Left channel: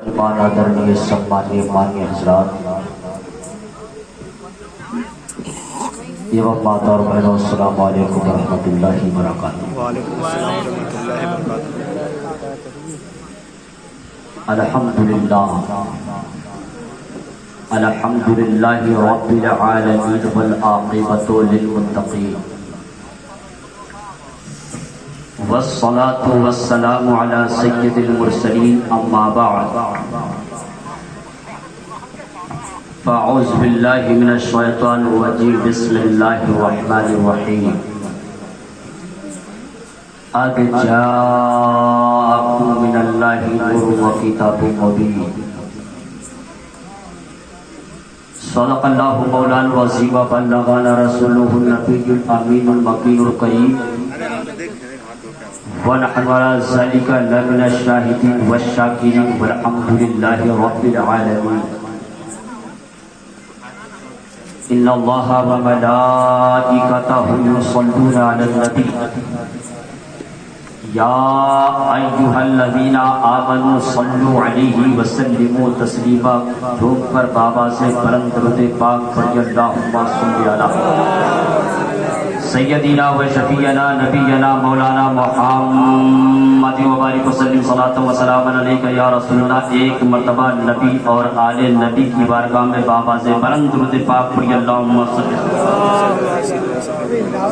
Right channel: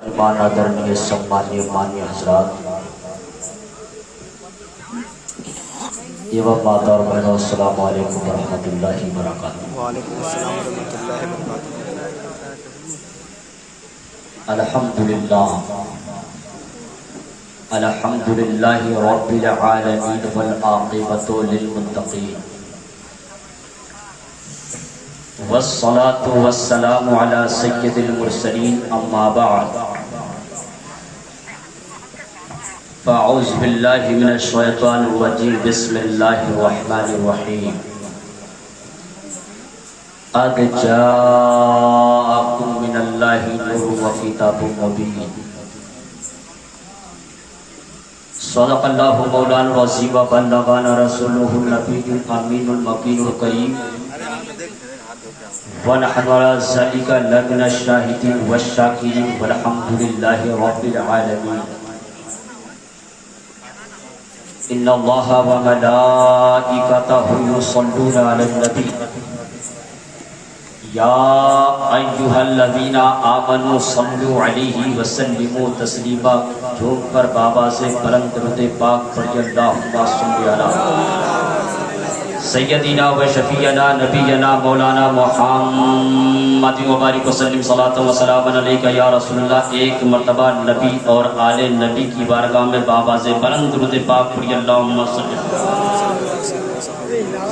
आदरणीय सम्मानीय मान्य हजरात एवं माता और बहनों, अस्सलाम वालेकुम रहमतुल्लाहि व बरकातुहू। अल्हम्दुलिल्लाह अल्हम्दुलिल्लाहि रब्बिल आलमीन वल आक़िबतु लिल मुत्तक़ीन वस्सलातु वस्सलामु अला सय्यिदिल मुरसलीन अम्मा बअद फ़अऊज़ु बिल्लाहि मिनश शैतानिर रजीम बिस्मिल्लाहिर रहमानिर रहीम क़द जाअकुम मिनल्लाहि नूरुन व किताबुम मुबीन सदक़ल्लाहु मौलाना अज़ीम व बल्लगना रसूलुहुन नबियुल अमीनुल मकीनुल करीम व नहनु अला ज़ालिका लमिनश शाहिदीन वश्शाकिरीन वल्हम्दुलिल्लाहि रब्बिल आलमीन। इन्नल्लाहा व मलाइकतहु युसल्लूना अलन नबी या अय्युहल्लज़ीना आमनू सल्लु अलैहि व सल्लिमू तस्लीमा। झूम पर बाबा से बुलंद दरूद पाक पढ़िए, अल्लाहुम्मा सल्लि अला सय्यदीना व शफीअना नबीना मौलाना मुहम्मद व बारिक वसल्लिम सलातन व सलामन अलैका या रसूलल्लाह। एक मर्तबा नबी और आले नबी की बारगाह में बाबा से बुलंद दरूद पाक पढ़िए, अल्लाहुम्मा सल्लि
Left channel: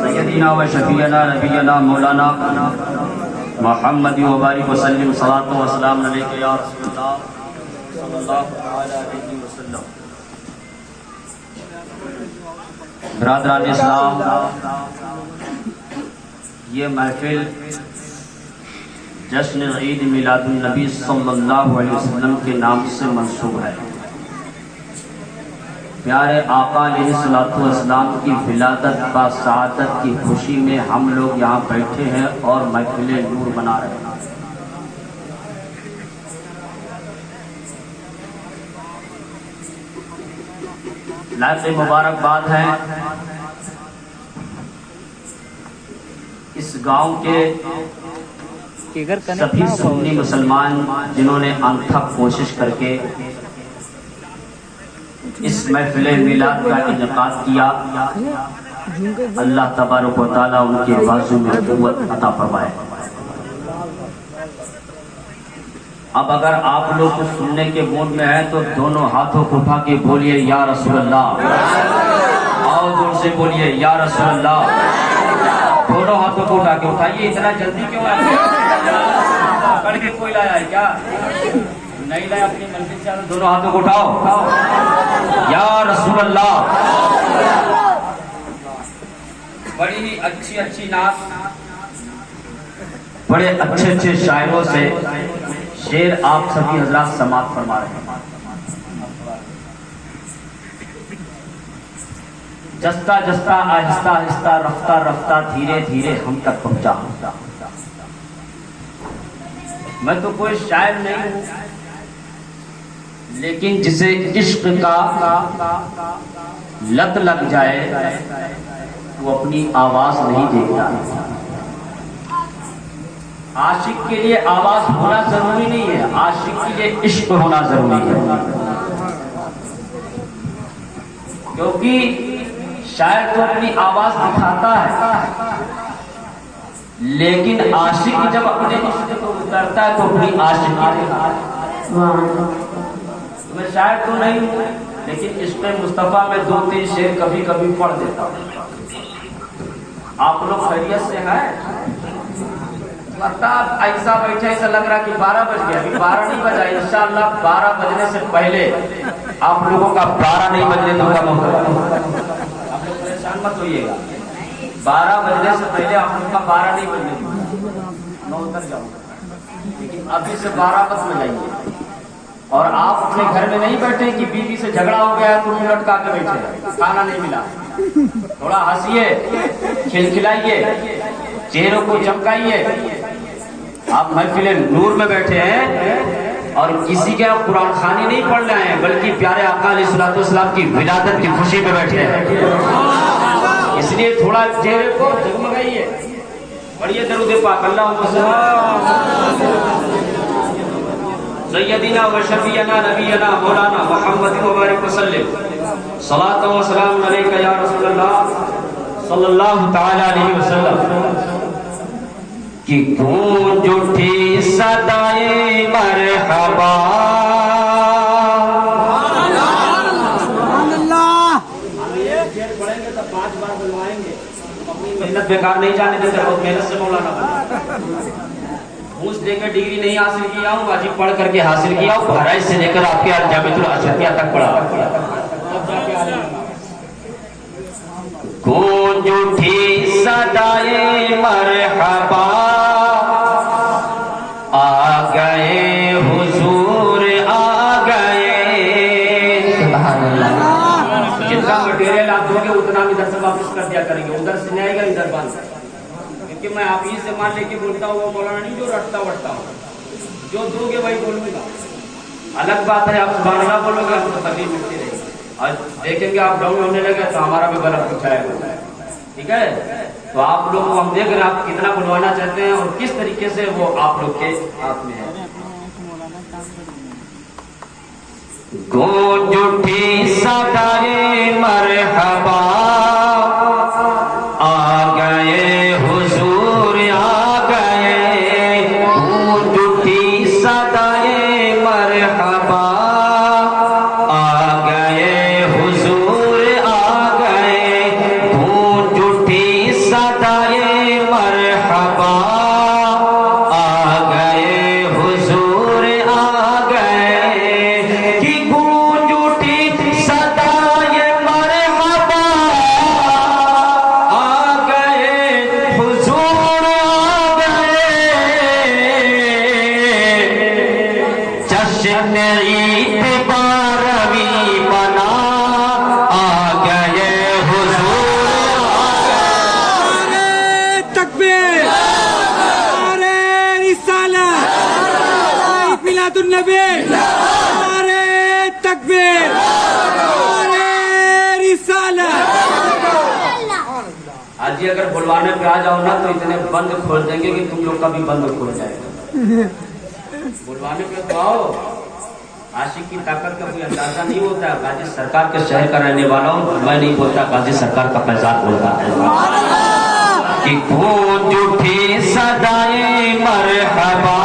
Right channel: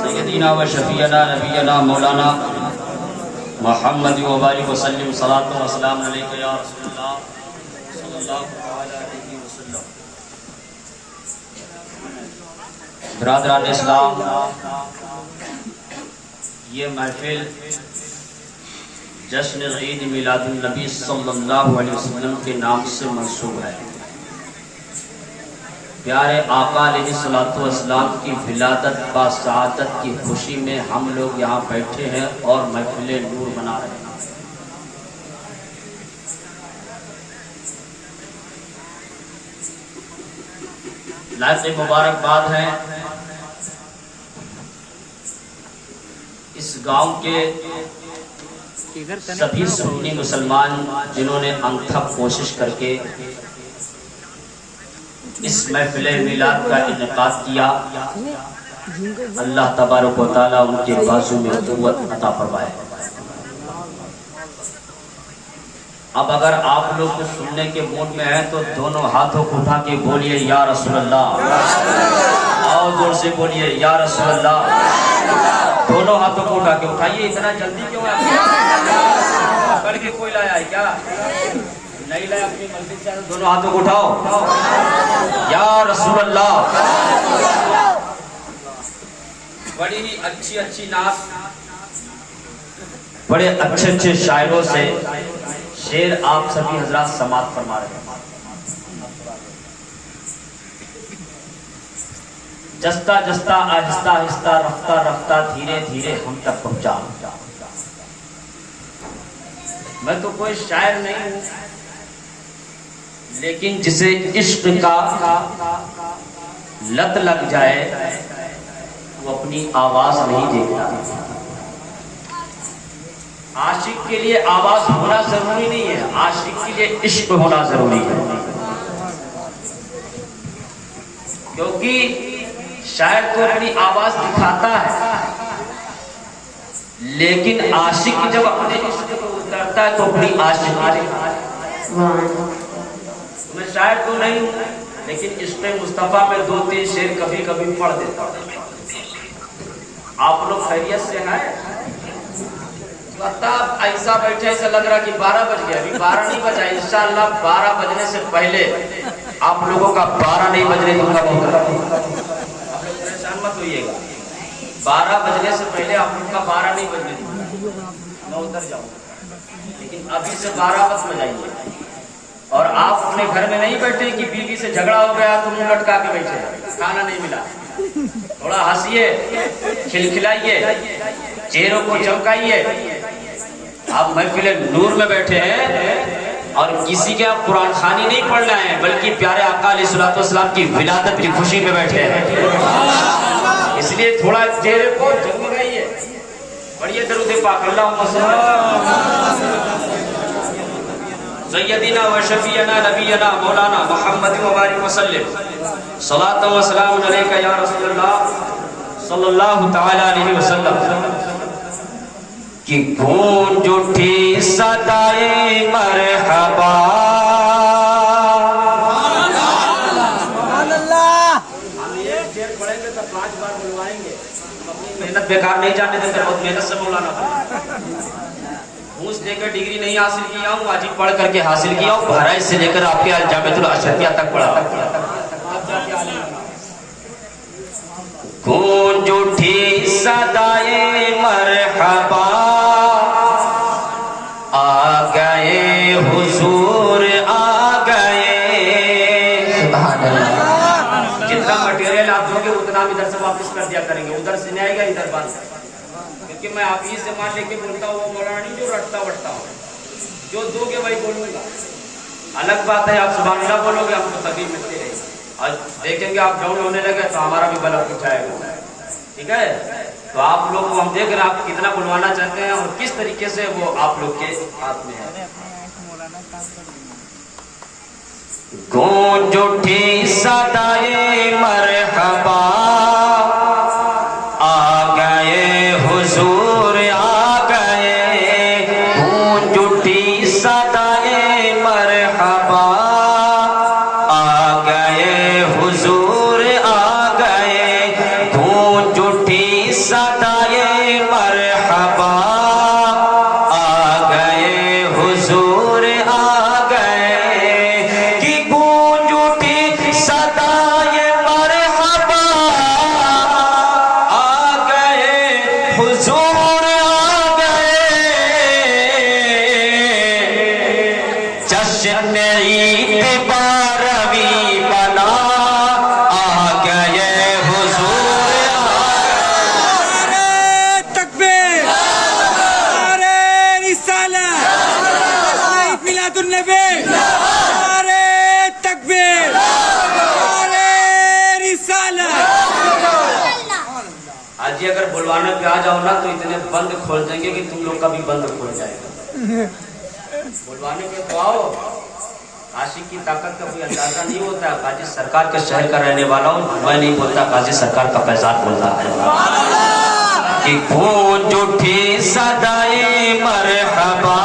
सय्यदीना व शफीअना नबीना मौलाना मुहम्मद व बारिक वसल्लिम सलातन व सलामन अलैका या रसूलल्लाह सल्लल्लाहु अलैहि वसल्लम। ब्रादरान इस्लाम, ये महफिल जश्न ईद मिलादुन नबी सल्लल्लाहु अलैहि वसल्लम के नाम से मंसूब है। प्यारे आका अलैहिस्सलातु वस्सलाम की विलादत बा शहादत की खुशी में हम लोग यहाँ बैठे हैं और महफिल नूर बना रहे हैं। लाज़ मुबारकबाद है इस गांव के सभी सुन्नी मुसलमान जिन्होंने अनथक कोशिश करके इस महफिल मिलाद का इनेकाद किया। अल्लाह तबारक व तआला उनके बाजू में कुव्वत अता फरमाए। अब अगर आप लोग कुछ सुनने के मूड में हैं तो दोनों हाथों को उठा के बोलिए या रसूल अल्लाह। और जोर से बोलिए या रसूल अल्लाह। दोनों हाथों को उठा के उठाइए। इतना जल्दी क्यों है? करके कोई लाया है क्या? नहीं लाया? अपनी मंजिल से दोनों हाथों को उठाओ या रसूल अल्लाह। बड़ी अच्छी अच्छी नात, बड़े अच्छे अच्छे शायरों से शेर आप सभी हजरात समात फरमा रहे हैं। जस्ता जस्ता आहिस्ता आहिस्ता रफ्ता रफ्ता धीरे धीरे हम तक पहुंचा। मैं तो कोई शायर नहीं हूं, लेकिन जिसे इश्क का लत लग जाए वो अपनी आवाज नहीं देखता। आशिक के लिए आवाज होना जरूरी नहीं है, आशिक के लिए इश्क होना जरूरी है। क्योंकि शायर तो अपनी आवाज दिखाता है, लेकिन आशिक जब अपने इश्क को उतारता है तो अपनी आशिक। मैं शायर तो नहीं हूं, लेकिन इश्क़ मुस्तफा में 2-3 शेर कभी कभी पढ़ देता हूं। आप लोग खैरियत से हैं? ऐसा बैठे ऐसा लग रहा कि 12 बज गया। अभी 12 नहीं बजा। इंशाअल्लाह 12 बजने से पहले आप लोगों का 12 नहीं बजने दूंगा। आप लोग परेशान मत होइएगा। 12 बजने से पहले आप लोग का 12 नहीं बजने दूंगा। मैं उतर जाऊंगा, लेकिन अभी से 12 मत बजाइए। और आप अपने घर में नहीं बैठे कि बीवी से झगड़ा हो गया तो मुंह लटका के बैठे, खाना नहीं मिला। थोड़ा हंसिए, खिलखिलाइए, चेहरों को चमकाइए। आप महफिल नूर में बैठे हैं और किसी के आप कुरान खानी नहीं पढ़ना है, बल्कि प्यारे आका अलैहिस्सलातु वस्सलाम की विलादत की खुशी में बैठे हैं। इसलिए थोड़ा चेहरे को जगमगाइए, पढ़िए दरूद पाक। अल्लाहुम्मा सय्यदिना व शफीअना नबीना मौलाना मुहम्मद मुबारक वसल्लम सलातो व सलाम अलैका या रसूलल्लाह सल्लल्लाहु तआला अलैहि वसल्लम कि गूंज उठी सदाए मरहबा पढ़ेंगे तो 5 बार बुलवाएंगे, अपनी मेहनत बेकार नहीं जाने देते, बहुत मेहनत से मौलाना घूस देकर डिग्री नहीं हासिल किया हूँ, अजीब पढ़ करके हासिल किया हूँ, बहराइच से लेकर आपके जामिअतुल अशरिया तक पढ़ा। गूंज उठी सदाए मरहबा आ गए हुजूर आ गए। सुभान अल्लाह। जितना मटेरियल आप दोगे उतना हम इधर से वापस कर दिया करेंगे, उधर से नहीं आएगा इधर बंद, क्योंकि मैं आप ही से मान लेके बोलता हूँ वो मौलाना नहीं जो रटता वटता हूँ, जो दोगे वही बोलूंगा। अलग बात है आप सुभान अल्लाह बोलोगे, हम तो सभी मिलते रहेंगे और देखेंगे आप डाउन होने लगे तो हमारा भी गला उठाएगा। ठीक है, तो आप लोग को हम देख रहे हैं आप कितना बुलवाना चाहते हैं और किस तरीके से वो आप लोग के हाथ में है। गूंज उठी सदाए मरहबा आ गए हुजूर आ गए। गूंज उठी सदाए मरहबा आ गए हुजूर आ गए। गूंज उठी सदाए मरहबा आ गए हुजूर आ गए। कि गूंज उठी सदाए मरहबा आ गए हुजूर आ गए। जश्न ईद 12वीं बना आ गए हुजूर आ गए। तकबीर, नारे रिसालत, ईद मिलादुन नबी, नारे तकबीर, नारे रिसालत। आज ही अगर बुलवाने पे आ जाओ ना तो इतने बंद खोल देंगे कि तुम लोग का भी बंद खोल जाएगा। बुलवाने पे तो आओ, आशिक की ताकत का कोई अंदाजा नहीं होता है। गाजी सरकार के शहर का रहने वाला हूँ, मैं नहीं बोलता, गाजी सरकार का फैजान बोलता है कि गूंज उठी सदाए मरहबा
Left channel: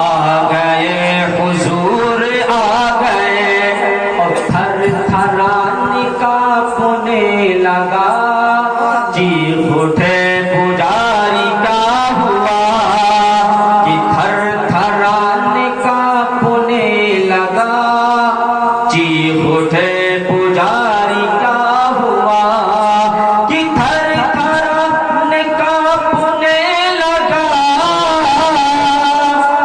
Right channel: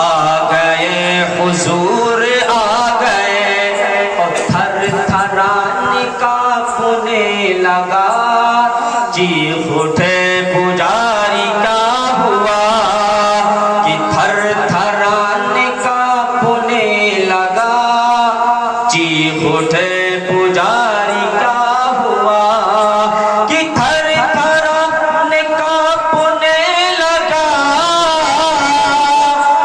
आ गए हुजूर आ गए। और थर थराने कांपने लगा, चीख उठे पुजारी का हुआ। कि थर थराने कांपने लगा, चीख उठे पुजारी का हुआ। कि थर थराने कांपने लगा,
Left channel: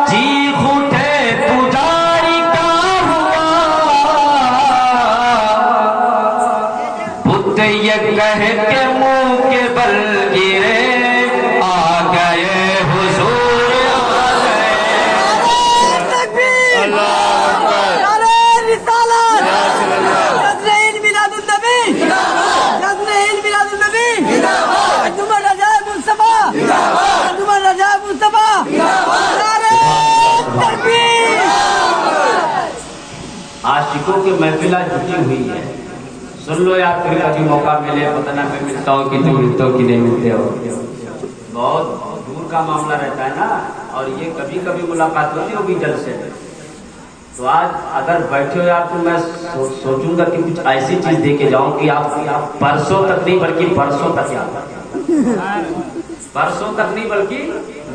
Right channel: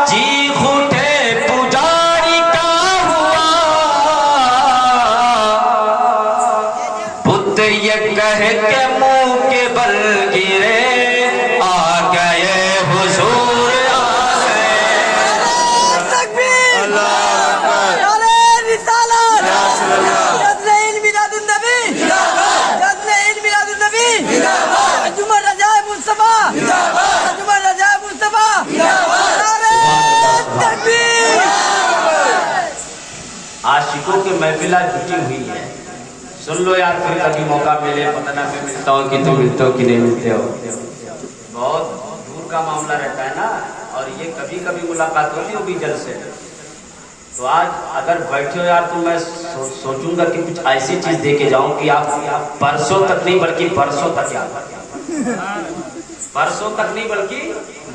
चीख उठे पुजारी का हुआ। बुद्ध ये कह के मुंह के बल गिरे, आ गए हुजूर आ गए। तकबीर, नारे रिसालत, जश्न ईद मिलादुन नबी, जश्न ईद मिलादुन नबी, अंजुमन अजायब मुस्तफा, अंजुमन अजायब मुस्तफा, नारे तकबीर। आशिकों की महफिला जुटी हुई है, सुन लो यार, फिर कभी मौका मिले पता ना मैं मिलता हूँ कि तुम मिलते हो कि नहीं मिलते हो। बहुत दूर का मामला रहता है ना, और ये कभी कभी मुलाकात होती होगी जल से। तो आज अगर बैठे हो यार तो मैं सोचूंगा कि कुछ ऐसी चीज दे के जाऊं कि आप परसों तक नहीं बल्कि बरसों तक याद रखें। परसों तक नहीं बल्कि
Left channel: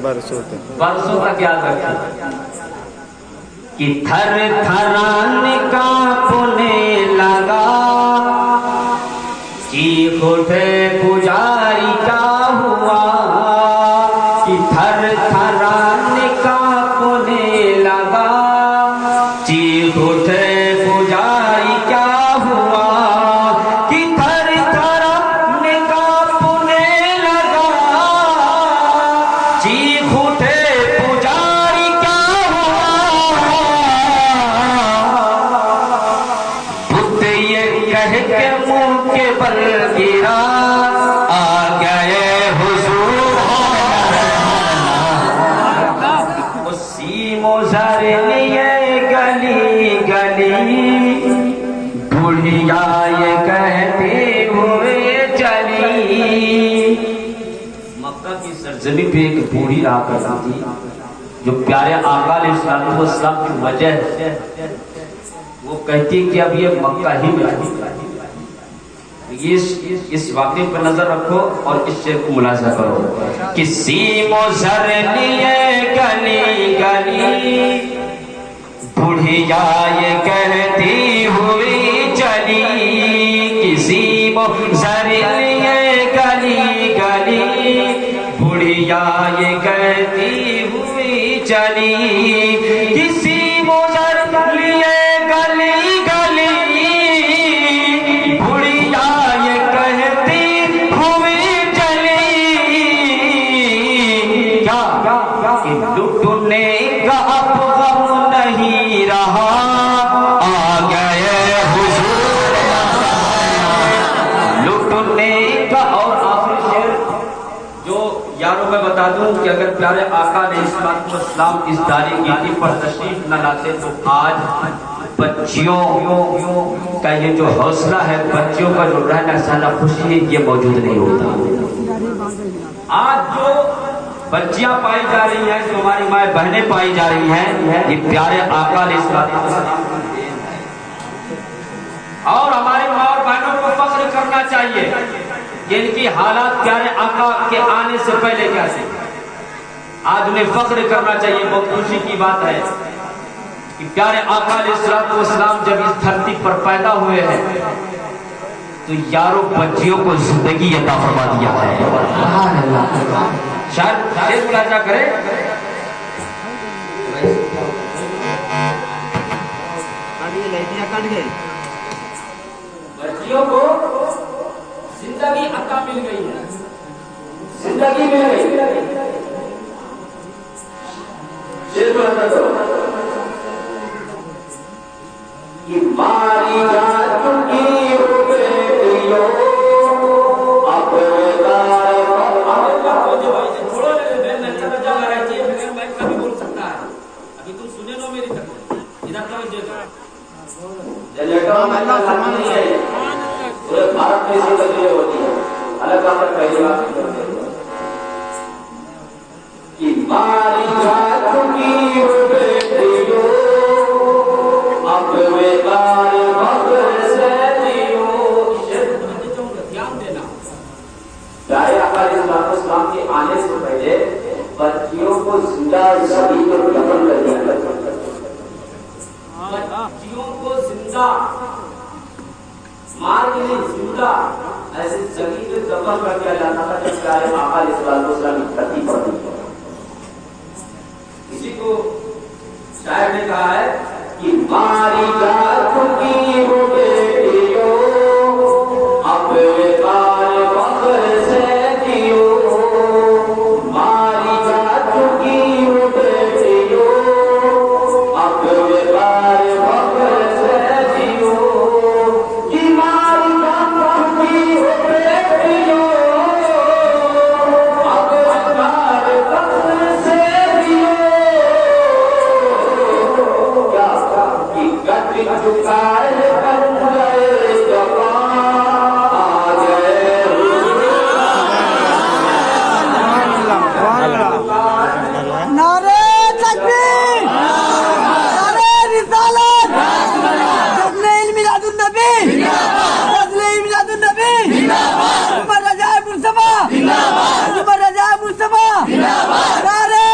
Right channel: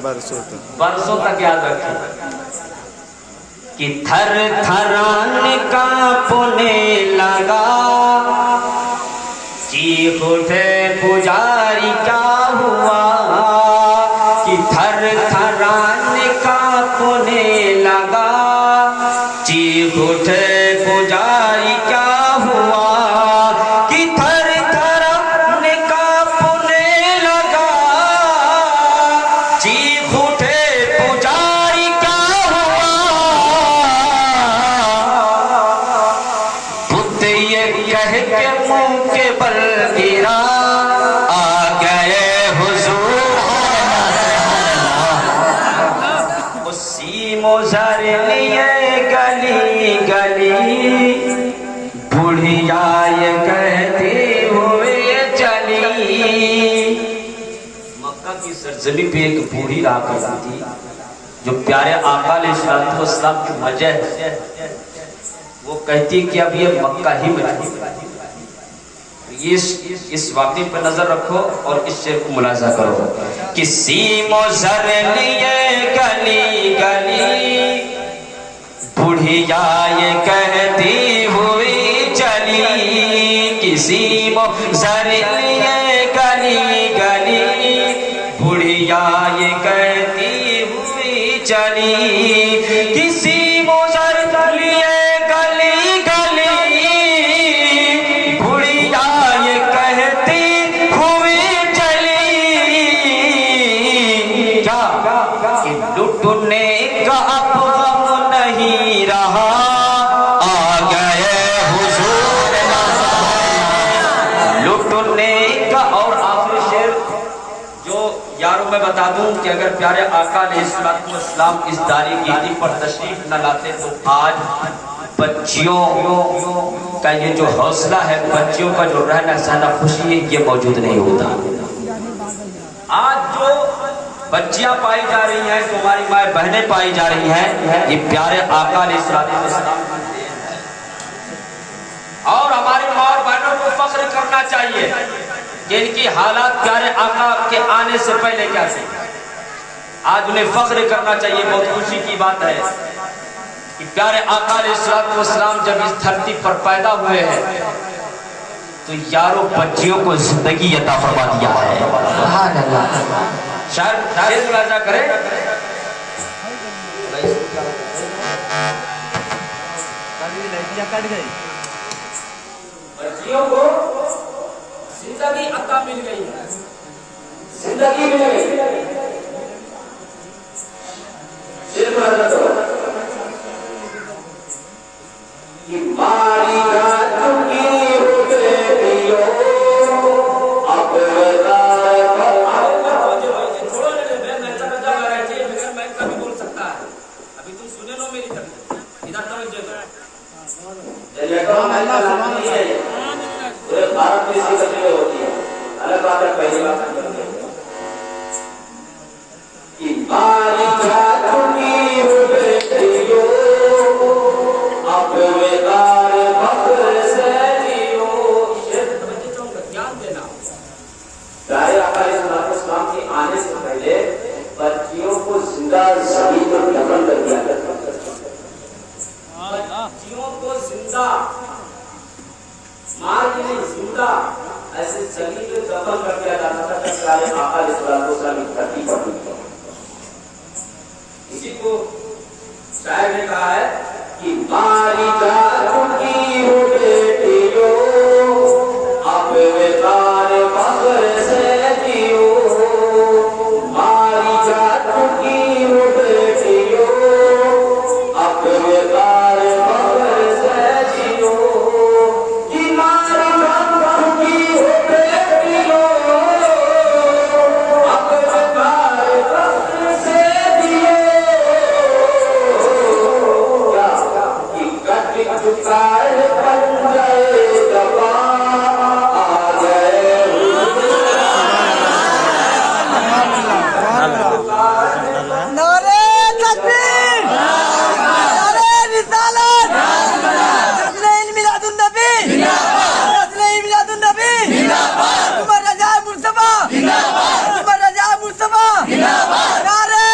बरसों तक याद रखें। कि थर थराने कांपने लगा, चीख उठे पुजारी का हुआ। कि थर थराने कांपने लगा, चीख उठे पुजारी का हुआ। कि थर थराने कांपने लगा, चीख उठे पुजारी का हुआ। बुद्ध ये कह के मुंह के बल गिरा, आ गए हुजूर। उसी मोज़र जमीन पे एक बूढ़ी रहा करती थी, जो प्यारे आका अलैहिस्सलाम की वजह वो कहती है कि अब ये मक्का ही में इस वाक़े पर नजर रखो और इस शेर को मुलाजा करो कि सीमो सर लिए गली गली बुढ़िया ये कहती हुई चली, किसी सर लिए गली गली बुढ़िया ये कहती हुई चली, किसी मोजर लिए गली गली बुढ़िया ये कहती हुई चली, क्या लुटने का अब गम नहीं रहा, आ गए हुजूर लुटने का। और आखिरी शेर जो यारों मैं बता दूं कि अगर प्यारे आका अलैहिस्सलाम इस दारी गीदी पर तशरीफ न लाते तो आज बच्चियों का ये जो हौसला है, बच्चियों का जो रहना सहना खुशी है, ये मौजूद नहीं होता। आज जो बच्चियां पाई जा रही हैं, जो हमारी माए बहनें पाई जा रही हैं, ये प्यारे आका अलैहिस्सलाम की देन है। और हमारी माँ और बहनों को फख्र करना चाहिए कि इनकी हालात प्यारे आका के आने से पहले क्या थी। आज उन्हें फख्र करना चाहिए। बहुत खुशी की बात है कि प्यारे आका अलैहिस्सलाम जब इस धरती पर पैदा हुए हैं तो यारों बच्चियों को जिंदगी अता फरमा दिया है। सुभान अल्लाह। शायद मुलाजा करें कट गई, बच्चियों को जिंदगी अता मिल गई है, जिंदगी मिल गई। कि मारी जा चुकी हो बेटियों अब छोड़ो मैं कभी बोल सकता है। अभी तुम सुने लो मेरी तरफ, इधर तवज्जो पूरे भारत में इसी कदर होती है। अलग बात है, पहली बात कि मारी जा चुकी हो बेटियों अब बेकार फख्र से जियो। ध्यान देना, प्यारे आका अलैहिस्सलाम के आने से पहले बच्चियों को जिंदा जमीन पर दफन कर दिया जाता था। बच्चियों को जिंदा मार के नहीं, जिंदा ऐसे जमीन पे दफन कर दिया जाता था जब प्यारे आका अलैहिस्सलाम की धरती पर। किसी को शायर ने कहा है कि मारी जा चुकी हो बेटियों अब बेकार फख्र से जियो, मारी जा चुकी हो बेटियों अब बेकार फख्र से जियो, कि मारी जा चुकी हो बेटियों अब बेकार फख्र से जियो। चुकाए बन जाए जबा आ गए नारे तकबीर, नारे रिसालत, नज़्र मिलादुन नबी, नज़्र मिलादुन नबी, उमर रज़ा मुस्तफा, उमर रज़ा मुस्तफा, नारे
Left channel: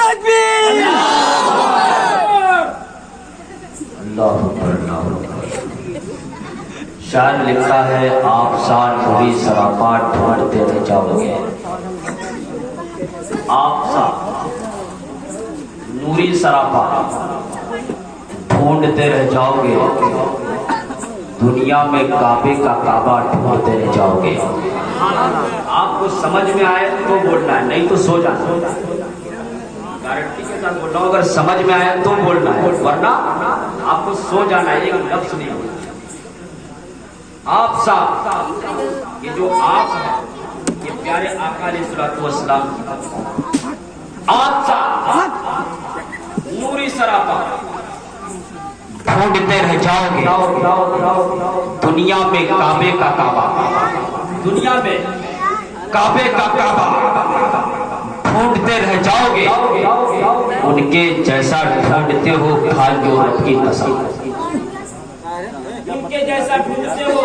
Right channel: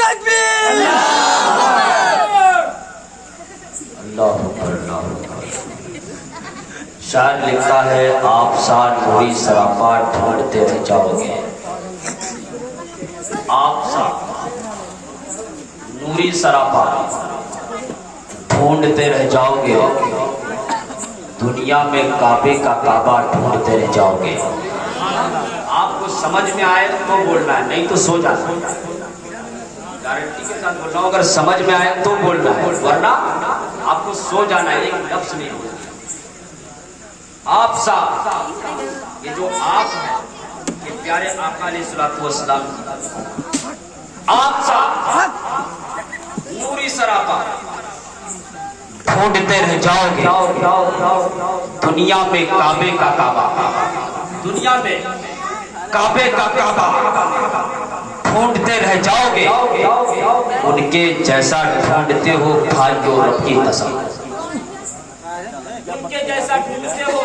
तकबीर। शायर लिखता है, आप साल बुरी सरापा ढूंढते रह जाओगे, आप साल नूरी सरापा ढूंढते रह जाओगे, दुनिया में काबे का काबा ढूंढते रह जाओगे। आपको समझ में आए तो बोलना है, नहीं तो सो जाना। गारंटी के साथ बोल रहा हूं, अगर समझ में आया तो बोलना है, वरना आपको सो जाना है। एक लफ्ज नहीं होगा। आप साहब, ये जो आप है ये प्यारे आका अलैहिस्सलाम, आप साहब नूरी सरापा ढूंढते रह जाओगे, दुनिया में काबे का काबा, दुनिया में काबे का काबा ढूंढते रह जाओगे, उनके जैसा ढूंढते हो भाइयों रब की कसम, उनके जैसा ढूंढते हो,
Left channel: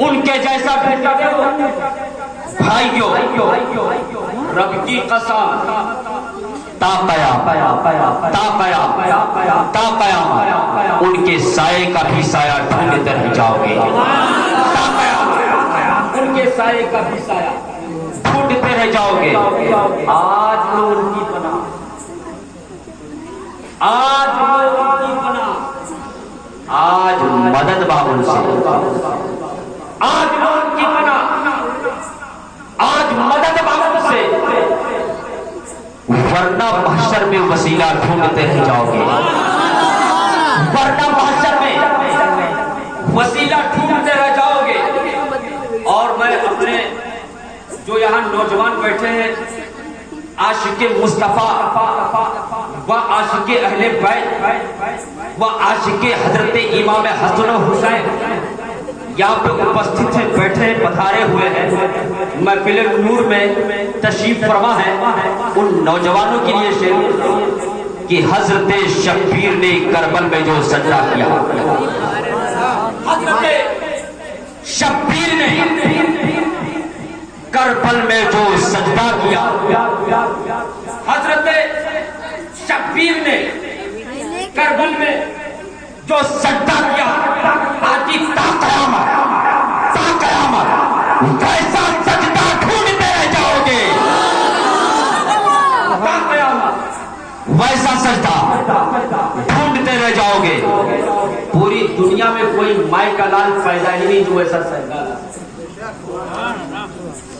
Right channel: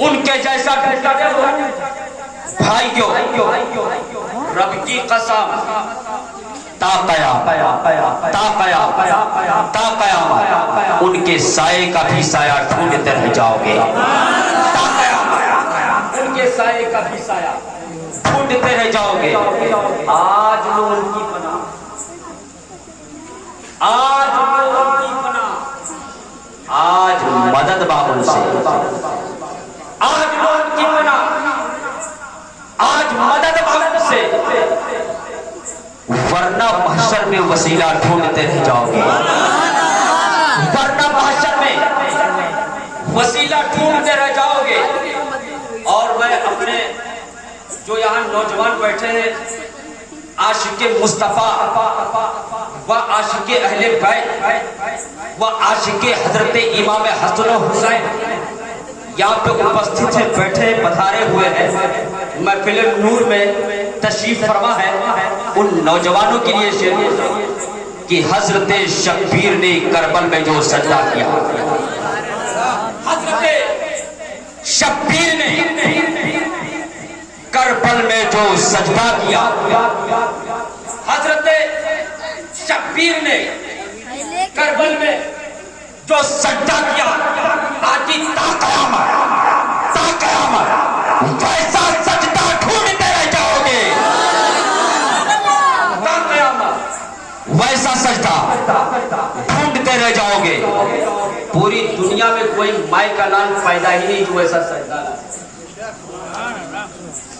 उनके जैसा ढूंढते हो भाइयों रब की कसम, ताकया उनके साये का भी साया ढूंढते रह जाओगे, उनके साये का भी साया ढूंढते रह जाओगे। आज लो उनकी पनाह, आज लो उनकी पनाह, आज मदद बाबुल से, आज लो उनकी पनाह, आज मदद बाबुल से, वरना महशर में वसीला ढूंढते रह जाओगे, वरना महशर में वसीला ढूंढते रह जाओगे। और मैं अपने जो यहाँ नौजवान बैठे हैं, आशिके मुस्तफा व आशिके अहले बैत व आशिके हजरत इमाम हसन हुसैन यहाँ पे उपस्थित हैं, बैठे हैं, पधारे हुए हैं, महफिल नूर में तशरीफ फरमा है। उन नौजवानों के लिए शेर कि हजरत शब्बीर ने करबल में जो सजदा किया, हजरत शब्बीर ने करबल में जो सजदा किया, हजरत शब्बीर ने करबल में जो सजदा किया, आती ताक़यामत वैसा सजदा ढूंढते रह जाओगे, वैसा सजदा ढूंढते रह जाओगे। पूरी दुनिया में कोई माई का लाल पैदा ही नहीं जो ऐसा सजदा।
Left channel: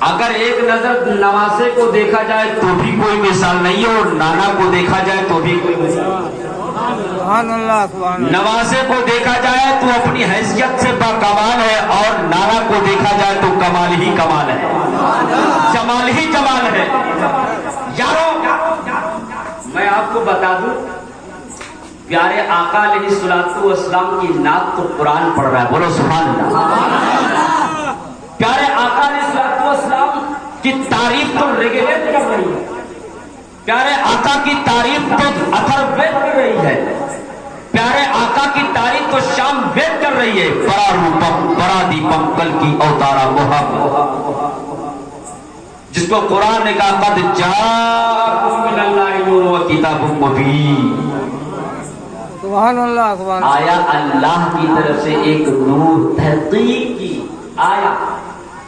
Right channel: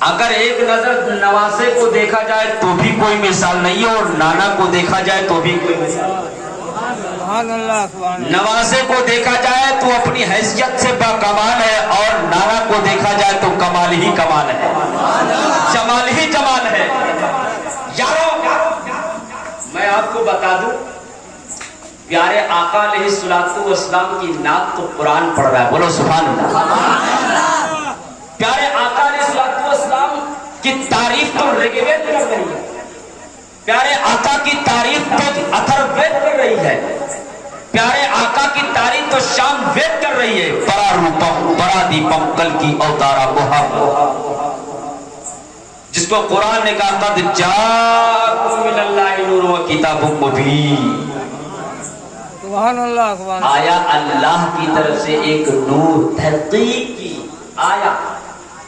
अगर एक नजर नवासे को देखा जाए तो भी कोई मिसाल नहीं है, और नाना को देखा जाए तो भी कोई मिसाल। नवासे को देखा जाए तो अपनी हैसियत से बाकमाल है, और नाना को देखा जाए तो कमाल ही कमाल है, जमाल ही जमाल है। यारों मैं आपको बता दूं, प्यारे आका अलैहिस्सलातु वस्सलाम की नात तो कुरान पढ़ रहा है, बोलो सुभान अल्लाह। प्यारे आका अलैहिस्सलातु वस्सलाम की तारीफ तो ऋग्वेद कर रही है, प्यारे आका की तारीफ तो अथर्ववेद कर रही है, प्यारे आका की तारीफ तो शाम वेद कर रही है। बड़ा रूपम बड़ा दीपम कल की अवतारा मोहब्बत, जिसको कुरान ने कहा कद जाअकुम मिनल्लाहि नूरुन व किताबुम मुबीन। सुभान अल्लाह, सुभान अल्लाह। आया अल्लाह की तरफ से एक नूर, तहकीक की आया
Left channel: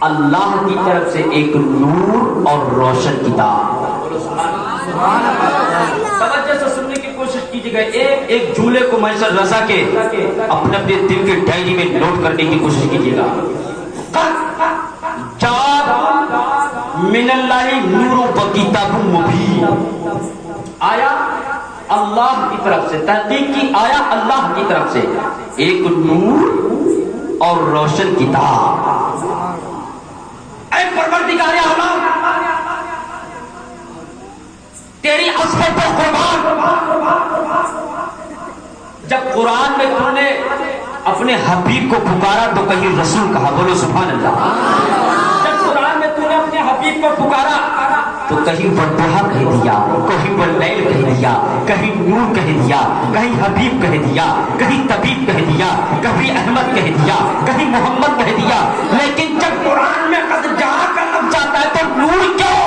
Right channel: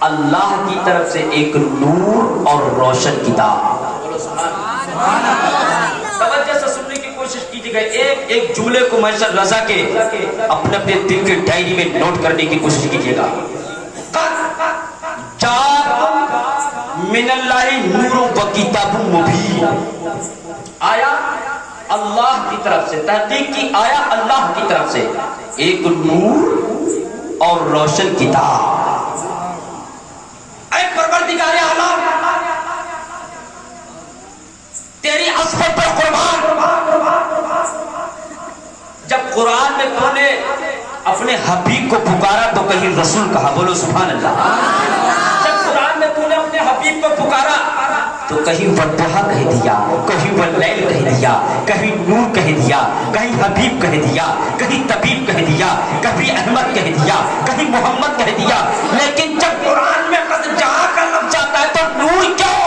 अल्लाह की तरफ से एक नूर और रोशन किताब। तवज्जो से सुनने की कोशिश कीजिएगा। एक एक जुमले को मैसर रजा के अपने अपने दिल के डायरी में नोट करने की कोशिश कीजिएगा। मिनल्लाहि नूरुन व किताबुम मुबीन, आया अल्लाह की तरफ से, तहकीक की आया अल्लाह की तरफ से एक नूर और रोशन किताब। एक परवरदिगार आलम तेरी असमत पर कुर्बान। जब कुरान में तूने अपने हबीब को पुकारा तो कहीं रसूल कहा, बोलो सुभान अल्लाह। जब कुरान में तूने अपने हबीब को पुकारा तो कहीं वद्दुहा कह दिया, कहीं वल्लैल कह दिया, कहीं नूर कह दिया, कहीं हबीब कह दिया, कहीं तबीब कह दिया, कभी अहमद कह दिया, कहीं मोहम्मद कह दिया। लेकिन जब कुरान में कद जहां का लफ्ज आता है तो नूर क्यों?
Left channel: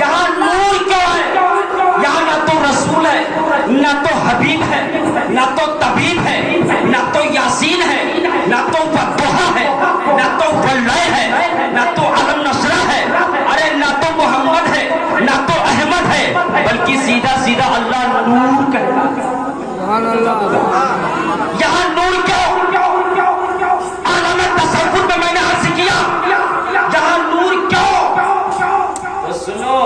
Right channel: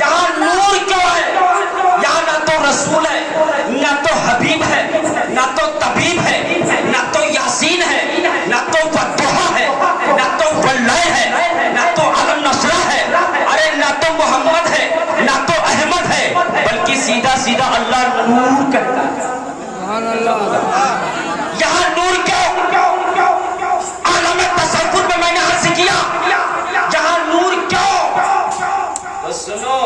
यहाँ नूर क्यों है? यहाँ ना तो रसूल है, ना तो हबीब है, ना तो तबीब है, ना तो यासीन है, ना तो वद्दुहा है, ना तो वल्लैल है, ना तो अलम नसरा है, अरे ना तो मोहम्मद है, ना तो अहमद है, बल्कि सीधा सीधा अल्लाह नूर कहता है। सुभान अल्लाह। यहाँ नूर क्यों? आलम तसव्वुर में मैंने अर्ज किया, जहाँ नूर क्यों? तो सुनो,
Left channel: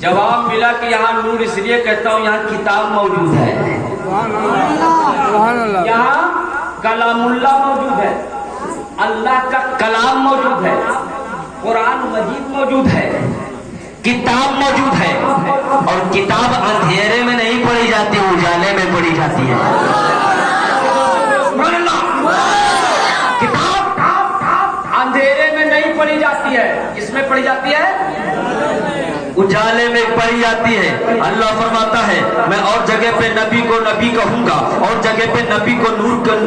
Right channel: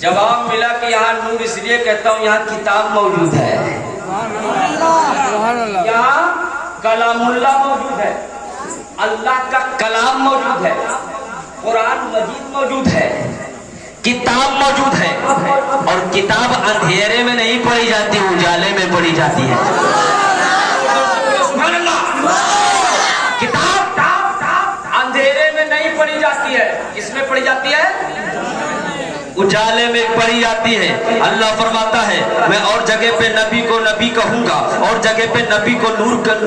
जवाब मिला कि यहाँ नूर इसलिए कहता हूँ यहाँ किताब मौजूद है, यहाँ कलामुल्लाह मौजूद है, अल्लाह का कलाम मौजूद है, कुरान मजीद मौजूद है, किताब मौजूद है। और किताब अंधेरे में नहीं पढ़ी जाती, उजाले में पढ़ी जाती है। जाती है, किसमें पढ़ी जाती है? उजाले में पढ़ी जाती है। अल्लाह फरमाता है मैं और जगह पे नबी को नबी कहूंगा, और जगह पे नबी को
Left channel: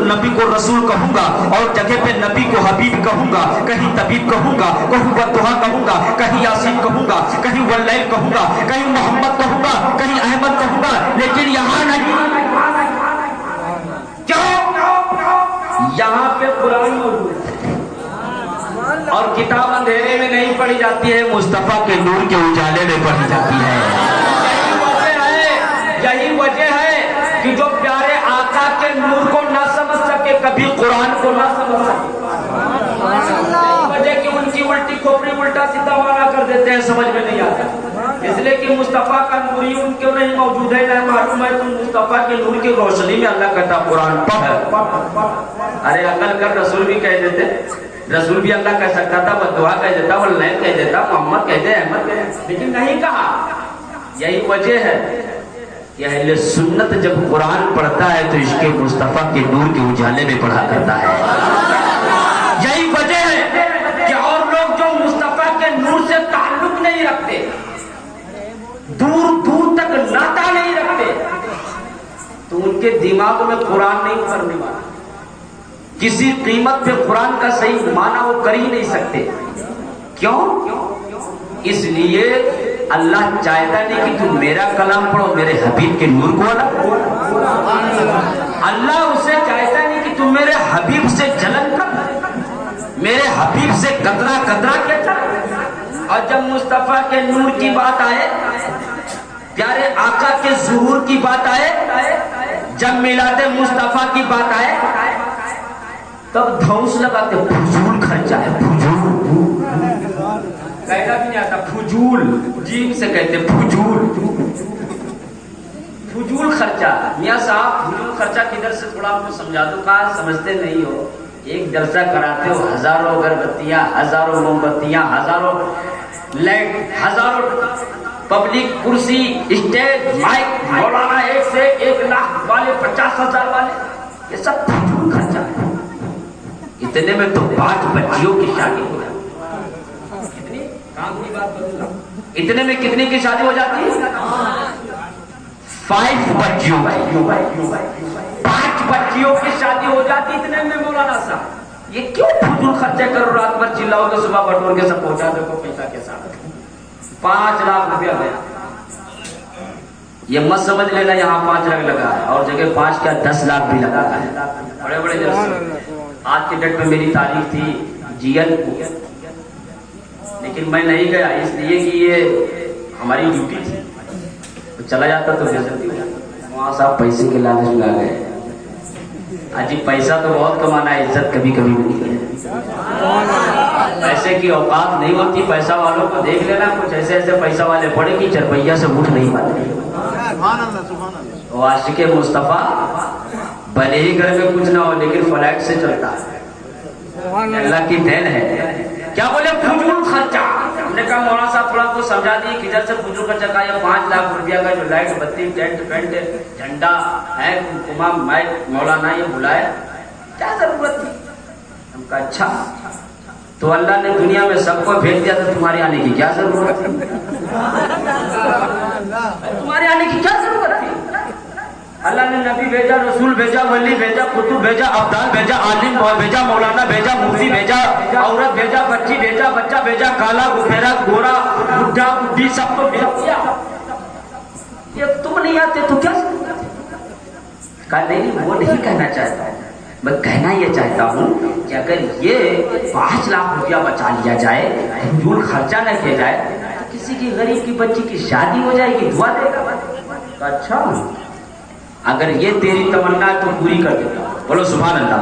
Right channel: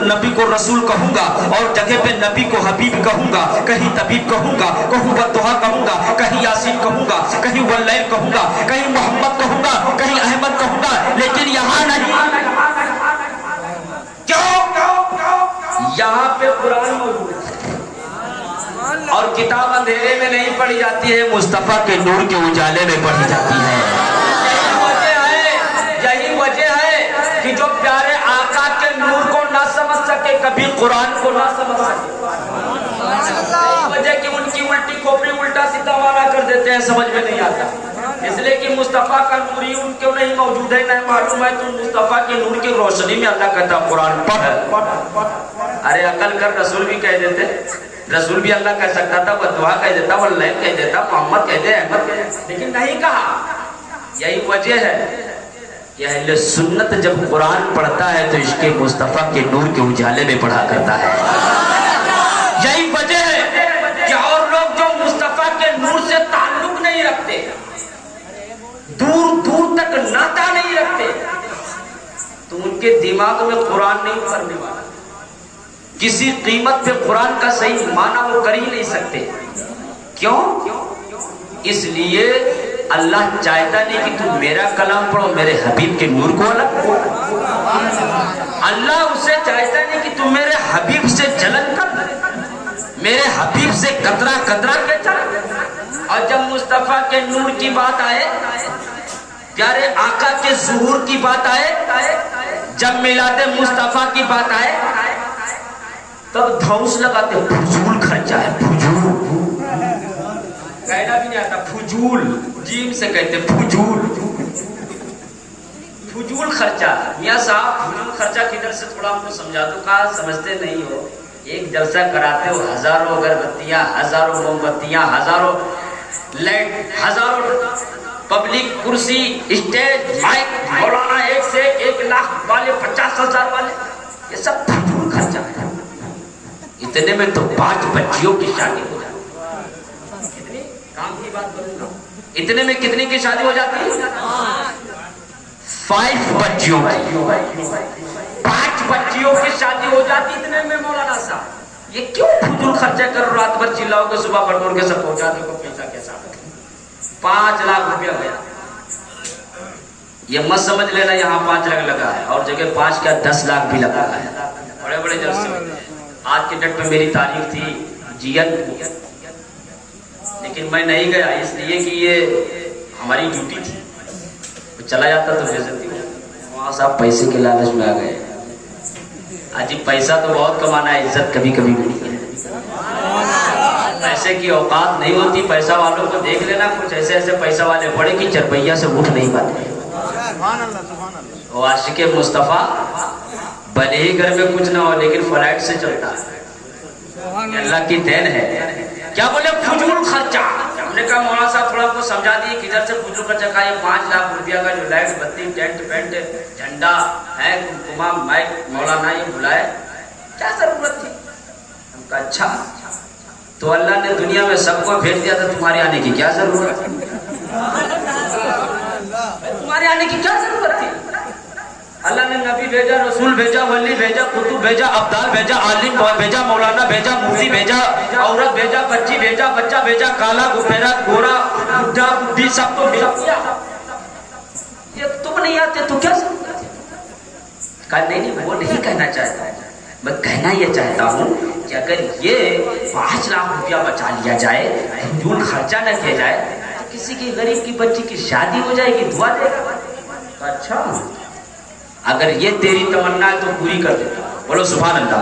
नबी को रसूल कहूंगा, और जगह पे नबी को हबीब कहूंगा, कहीं तबीब कहूंगा, कहीं दुहा कहूंगा, कहीं यासीन कहूंगा, कहीं वल्लैल कहूंगा, कहीं मोहम्मद कहूंगा, कहीं अहमद कहूंगा, लेकिन यहाँ नहीं। क्यों? यहाँ पे कुरान मौजूद है और किताब अंधेरे में नहीं पढ़ी जाती है, मुस्तफा के नूर के उजाले में पढ़ी जाती है। यही वजह है कि जो प्यारे आका के नूर को ना समझ सके, कभी कुरान को ना समझ सके, वजह कि उनकी उल्टी खोपड़ी उल्टा सीधा माना कर देते हैं, समझ में नहीं आता। इसलिए कि मुस्तफा का नूर ही उनको नहीं मौजूद है, नहीं मालूम है, तो मुस्तफा के नूर की रोशनी में अल्लाह कहता कुरान पढ़। अरे अकल कर, रसूल भी कह देते, रसूल भी अल्लाह कह सकता था, वह दुआ कह देता, वह लैन कह देता, मोहम्मद कह दे, अहमद कह दे, लेकिन नहीं कहा। यही वजह है कि अहले सुन्नत जब कुरान पढ़ता है तो इसके मुस्तफा के नूर के उजाले में पढ़ा करता है। यही वजह है कि और लोग जो मुस्तफा के नूर से ताल्लुक नहीं रखते, दूर दूर तक नाता नहीं रखते, तो उनके दिमाग में कुरान नहीं उतरने वाला। किसी कीमत पे कुरान का सही माना वो कर ही नहीं सकते। क्यों? इसलिए अल्लाह चाहता नहीं कि तुम मेरा कलाम पढ़ो, मेरे हबीब के नूर को अलग। अल्लाह उसे चाहता नहीं कि तुम मेरे हबीब से जलन कर, मेरे हबीब से कतरा कतरा के चल। और जब मुस्तफा के नूर की बात आए, प्यारे आका के ज़ुहूर की बात आए, जब मिलादे मुस्तफा की बात आए, तब धौंस लगाते, फुजूल खर्चा है, फुजूल कहना भी नहीं आता, फुजूल जीम से कहते, फुजूल फुजूल खर्चा। मियाँ साहब फुजूल खर्चा किधर से, थोड़ा आपको समझा दो, कहा समझते नहीं हो। एक जलसा कराते हो, हजारों अगरबत्तियां, हजारों मोमबत्तियां, हजारों लाइट, हजारों पब्लिक, कुर्सी, स्टेज, माइक, मौलाना, एक से 1 लाख वाले, 50,000 वाले, ये सब फुजूल खर्चा है। इतने में तो 5 बच्चियों की शादी हो जाती। कितनी काम की बात करूंगा, इतने में कितनी की शादी हो जाती है? 5 बच्चियों, 5 बच्चियों की शादी हो जाती। इतने में मौलाना साहब ये क्यों फुजूल खर्चा करो, रात भर चिल्लाओगे, सुबह बटोर के सब पहुंचा दो पैसा के साथ। 5 लाख रुपया गया। ये मत समझ लेना यहाँ 5 लाख लगा है, और जगह 5 का 10 लाख भी लगा है। बड़े बड़े जलसे। आज के डेट में मेरी तारीख थी जीएन, लेकिन मैं नहीं गया, इसलिए कि ये हमारी ड्यूटी थी। तो चला जाता तो बेइज्जती हो। वहाँ साहब पैसे के लालच में आ गए। अजी पैसा तो बहुत कमाना है, इज्जत कभी कभी मिलती है। पैसे की औकात नहीं होती। पैसा वालों को देख लेना, कुछ ऐसे ऐसे पैसा वाले पड़े कि चरपैया से उठ नहीं पाते। आशिके मुस्तफा भले ही घर में कुछ ना हो, लेकिन फ्लाइट से चलता है। अल्लाह की देन है। क्या बोले? फुजूल खर्चा। हमने कहा मौलाना साहब थोड़ा को समझा दिए किधर से फुजूल खर्चा का। ये 5 लाख रुपया का जो लाइट, बत्ती, टेंट, पेंट, झंडा है, कुमकुमा, माइक, मौलाना ये बुलाए, क्या जरूरत थी? हमका अच्छा, तो अल्लाह ने दुनिया में सबको भेज दिया, तो तुम्हारे आने की क्या जरूरत है? तुम्हारे आने की क्या जरूरत थी? अल्लाह ने नबी भेजा, रसूल भेजा, वली भेजा, कुतुब भेजा, अब्दाल भेजा, आलिम भेजा, मौलाना भेजा, मुफ्ती भेजा, औरत भेजा, बच्ची भेजा, बच्चा भेजा, काला, गुफेरा, गोरा, बुढ़ा, बुढ़ी, सब तो भेज दिया। ये तुम नहीं आते तो क्या जरूरत है? कहा नहीं, वो नहीं कहना चाहता। मैं कहना ये चाहता हूँ कि अगर ये 5 लाख रुपया बचा लिया जाए, फुजूल खर्चा न किया जाए, तो किसी की गरीब की बच्ची की शादी हो जाएगी, दुआ देगा। अच्छा, अगर ये तेरी तमन्ना है तो पूरी कर देता। बोलो सुभान अल्लाह।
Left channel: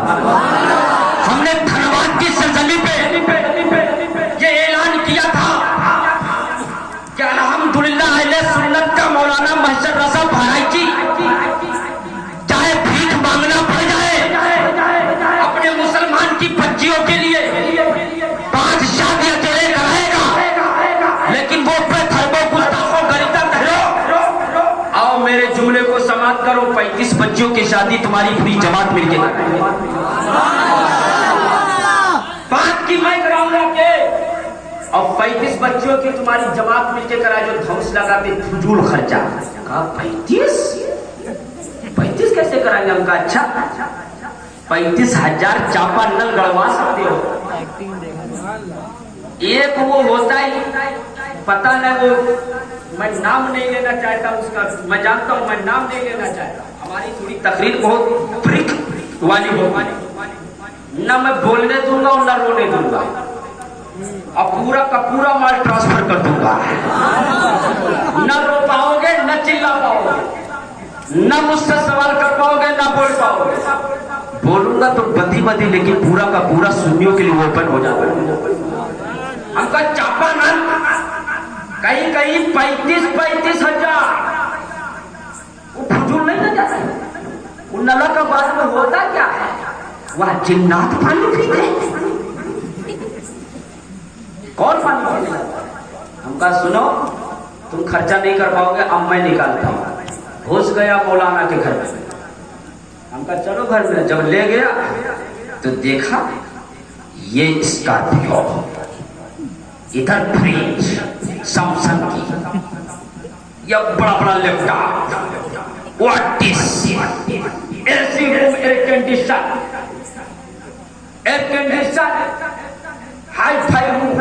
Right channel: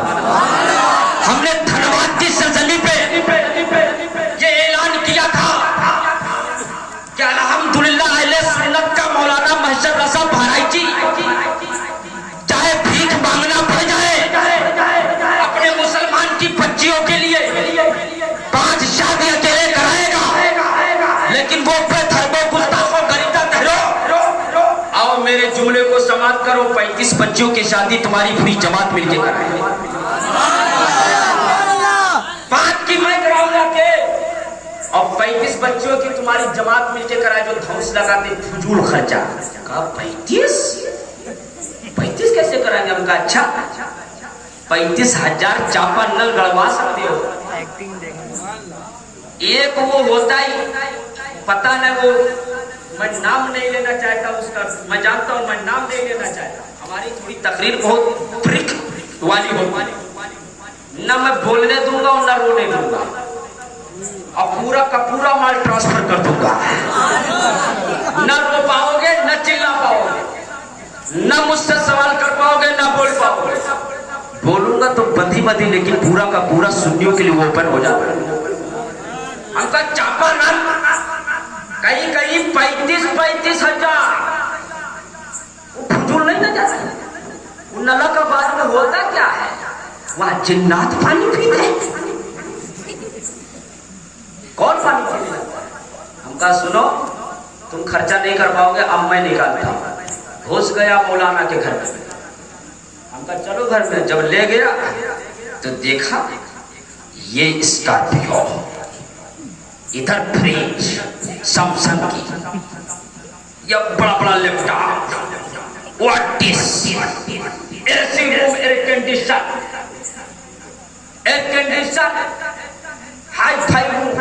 हमने धनबाद की सरजमी पे ये ऐलान किया था कि अल्हम्दुलिल्लाह अहले सुन्नत का मौलाना महशर रज़ा बहराइची चाहे भीख मांगना पड़ जाए अपने मुसलमान की बच्चियों के लिए 5 शादियां तेरे कराएगा, लेकिन वो बेधर्मों गुस्ताखों गरीबा ठहरो। आओ मेरे जुमले को समाप्त करो। 35 बच्चियों की शादी तुम्हारी पूरी जमात मिलके कराएगी। 5 की मैं कराऊंगा के और 35 बच्चों की तुम्हारी जमात मिलके कराए जो धौंस लगाते फजूल खर्चा। कहा 35 कैसे कराएंगे? हमका अच्छा 35,000 चापा नल गड़वा सकते हो। एक वो होता ही पता न, वो मैं नाम नहीं लेना चाहता उसका, मैं जानता हूं मैं नाम नहीं लेना चाहता। हमारी थोड़ी तकरीर बहुत प्रिक वाली होगी, न मैं बोलने दूंगा और न रोने दूंगा, अब पूरा का पूरा माल ट्रांसफर कर दूंगा। न रो पाओगे, न चिल्ला पाओगे, न मुझसे सवाल कर पाओगे, न बोल पाओगे। बोलूंगा तो बंदी बंदी, लेकिन पूरा का पूरा सुन्नियों के लिए ओपन हो जाता है। हमका चापा नल कहीं कहीं 35,000 वो फजूल नहीं ना जाता। उन नला का बाद में होता क्या है? वह जिन्नात पानी पीते। कौन पानी पीते? हमका सुनो, तुम खर्चा नहीं कर पाओगे, अब मैं निकालता हूं। घुस गया मौलाना के घर में। हमका चलो घर में। जब ले गया तो देखा ये स्कॉर्पियो, इधर फ्रिज सैमसंग की, या बड़ा बड़ा laptop, AC room, air condition, hi fi room.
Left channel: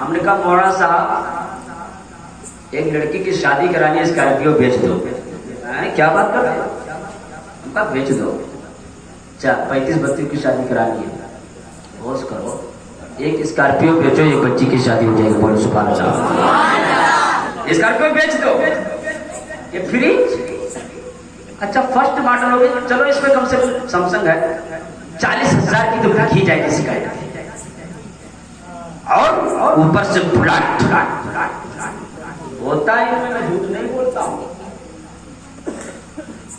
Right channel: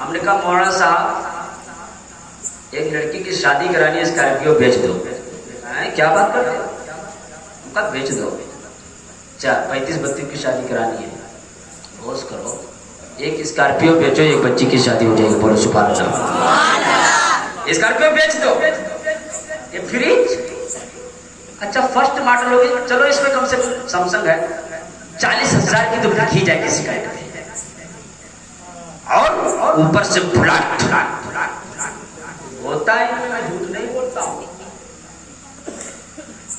हमने कहा मौलाना साहब एक लड़की की शादी करानी है, स्कॉर्पियो बेच दो। क्या बात कर रहे हो? उनका बेच दो। 35-32 की शादी करानी है, होश करो, एक स्कॉर्पियो बेचो, एक बच्ची की शादी हो जाएगी। बोलो सुभान अल्लाह। स्कॉर्पियो बेच दो। ये फ्रिज अच्छा फर्स्ट मॉडल होगी, चलो इसमें कम से कम सैमसंग है, 40,000 की तो बिक ही जाएगी शिकायत। और ऊपर से फ्लैट होता है, मैं झूठ नहीं बोलता हूं।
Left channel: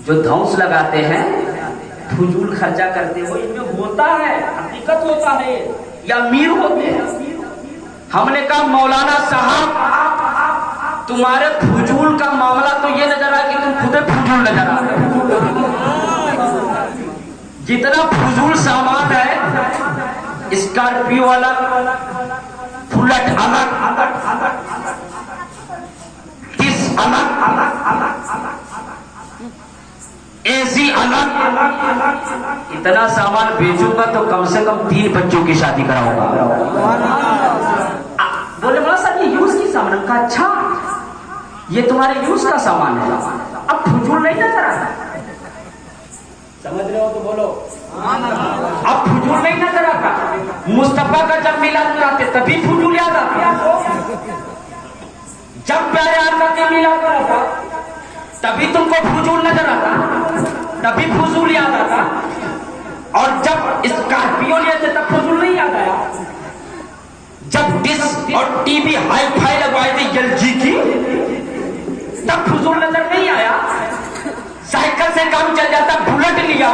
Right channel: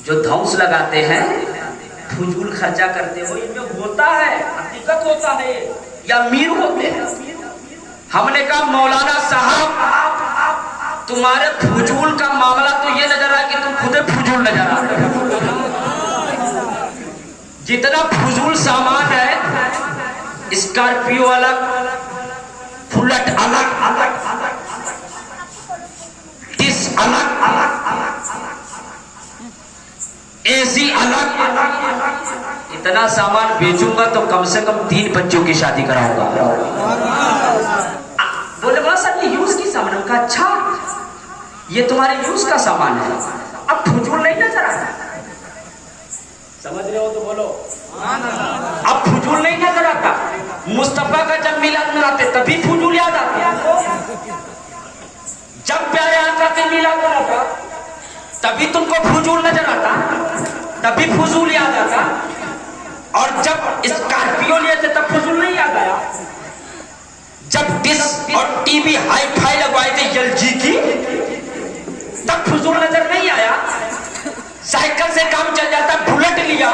जो धौंस लगाते हैं, फजूल खर्चा करते हो, इनमें होता है, हकीकत होता है, या अमीर होते हैं। हमने कहा मौलाना साहब तुम्हारे फजूल का मामला तो ये नजर आया कि तुम खुद फजूल नजर आ रहे हो। जितना फजूल सामान है, स्कॉर्पियो अलग, बुलेट अलग, डिस अलग, एसी अलग, इतना सामान बेचूंगा तो कम से कम 3 बच्चों की शादी कराऊंगा। बोले बोला सर ये यूज की सामान। का अच्छा ये तुम्हारे यूज का सामान है, अब फजूल नहीं नजर आता। समझ रहे हो तो बोलो। अब फजूल नहीं नजर आता। मुस्तफा का जब मिलाद मनाते तभी फजूल याद आता। जब प्यारे आका के मिलाद मनाता तभी तुमको फजूल नजर आता, तभी फजूल याद आता। और जब स्कॉर्पियो लिए थे तब फजूल नहीं याद आया। जब डिश और टीवी हाई फाई लगवाए थे एलजी की, तब फजूल नजर नहीं आया। साइकिल से काम चल जाता, बुलेट लिया,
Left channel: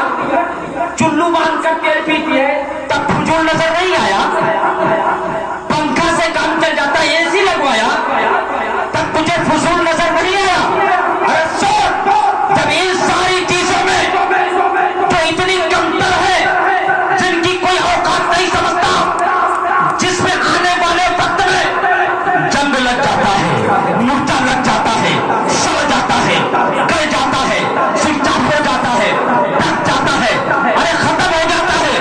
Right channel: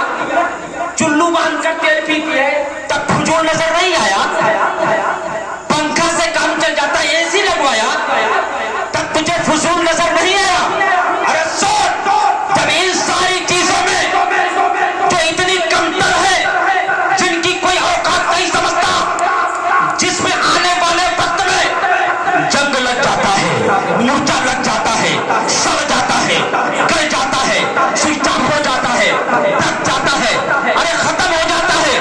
चुल्लू बांध कर तेल पीती है, तब फजूल नजर नहीं आया। पंखा से काम चल जाता, एसी लगवाया, तब तुझे फजूल नजर नहीं आया। अरे सोच, जब इन सारी चीजों में जो इतनी कमतर है, जिनकी कोई औकात नहीं समझता, जिसमें आने वाले वक्त में जंग लग जाता है, मोर्चा लग जाता है, सड़ जाता है, गल जाता है, स्विच ऑफ हो जाता है, थक जाता है, अरे खत्म हो जाता है,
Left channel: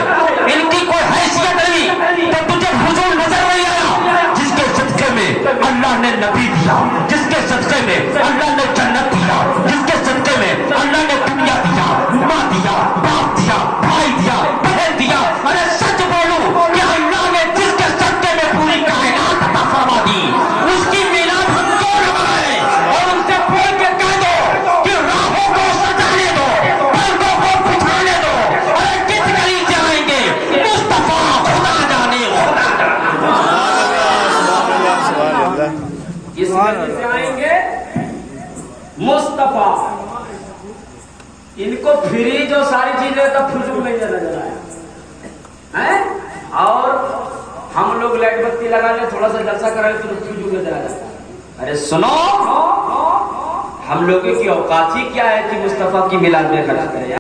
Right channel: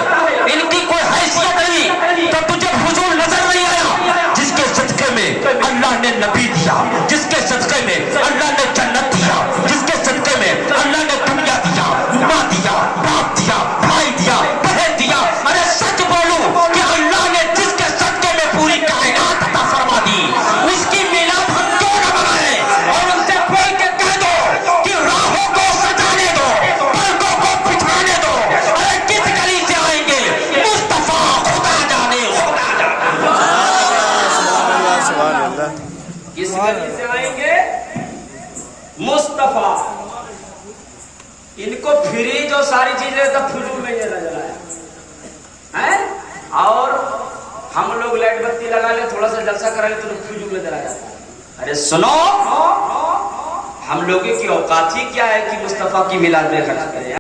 इनकी कोई हैसियत नहीं, तो तुझे फजूल नजर नहीं आया। जिसके सदके में अल्लाह ने नबी दिया, जिसके सदके में अल्लाह ने जन्नत दिया, जिसके सदके में अल्लाह ने दुनिया दिया, माँ दिया, बाप दिया, भाई दिया, बहन दिया। अरे सच बोलूं कि अल्लाह ने जिसके सदके में पूरी कायनात अता फरमा दी, उसकी मिलाद हम क्यों न बनाएं? और उनसे बोल के कह दो कि राहों को सजाने दो, पलकों को बिछाने दो। अरे किस गली से आएंगे? मुस्तफा खुदा जाने, किस गली से आएंगे? मुस्तफा। इनको फ्रिज और सारी चीजें तब फजूल में नजर आया है। और हम लोग लाइट बत्ती लगा ले, थोड़ा सा जलसा करा ले तो फजूल में नजर आया। अरे सुनो, हम लोगों की औकात ही क्या है कि मुस्तफा की मिलाद में खर्च करें।